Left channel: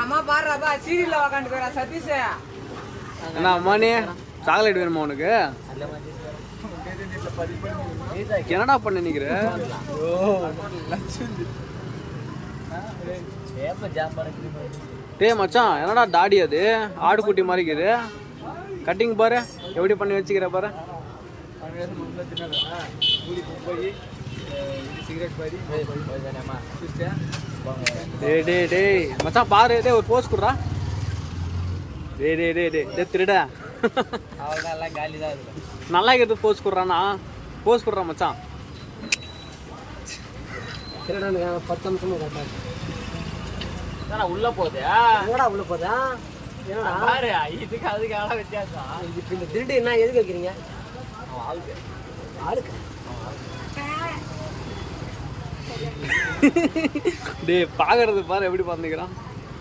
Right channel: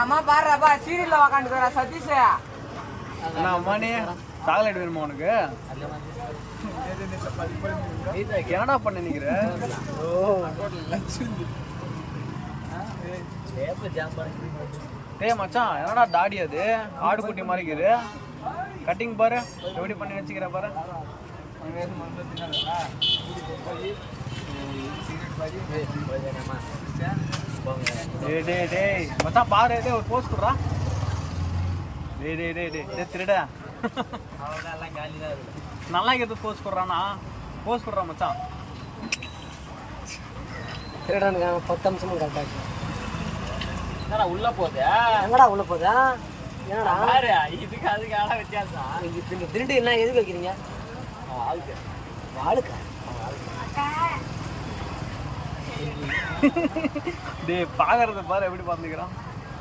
அம்மா பாடுறாப்பா சீரியல்ல உக்காந்துக்கிறா சதீஷ். என்ன அம்மா நீ சாக்லேட் வேணுமா உனக்கு? என்னடா பண்ண நிக்கிற? டேய் மச்சான், என்னடா தாடி அது ஆடு குட்டி மாதிரி இருக்குது. கட்டிங் பாரு எப்படி பண்ணி வச்சுக்கிற பாரு. டேய் டேய் டேய் மச்சான் பாரு, டேய் ஒரு போஸ் குடுறா. டேய் டேய் டேய் டேய் திருடா. நல்லா இருக்குது போஸ் குடுறானா? போஸ் குடுறா மச்சான். திருடனுங்க 10 நிமிஷமும் கரெக்டா என்னடா உள்ள போகுது? எங்கடா உள்ள போதா? என்னடா பாரு இதுக்கு அதுக்கு ஆள வித்தியாசம். இது இப்ப திருடு என்ன எதுக்கு வைக்கிறீங்க? ஆளுக்கு ஆளுக்கா? டேய் பாக்குறது பாரு எப்படி பாத்துக்கிறான்.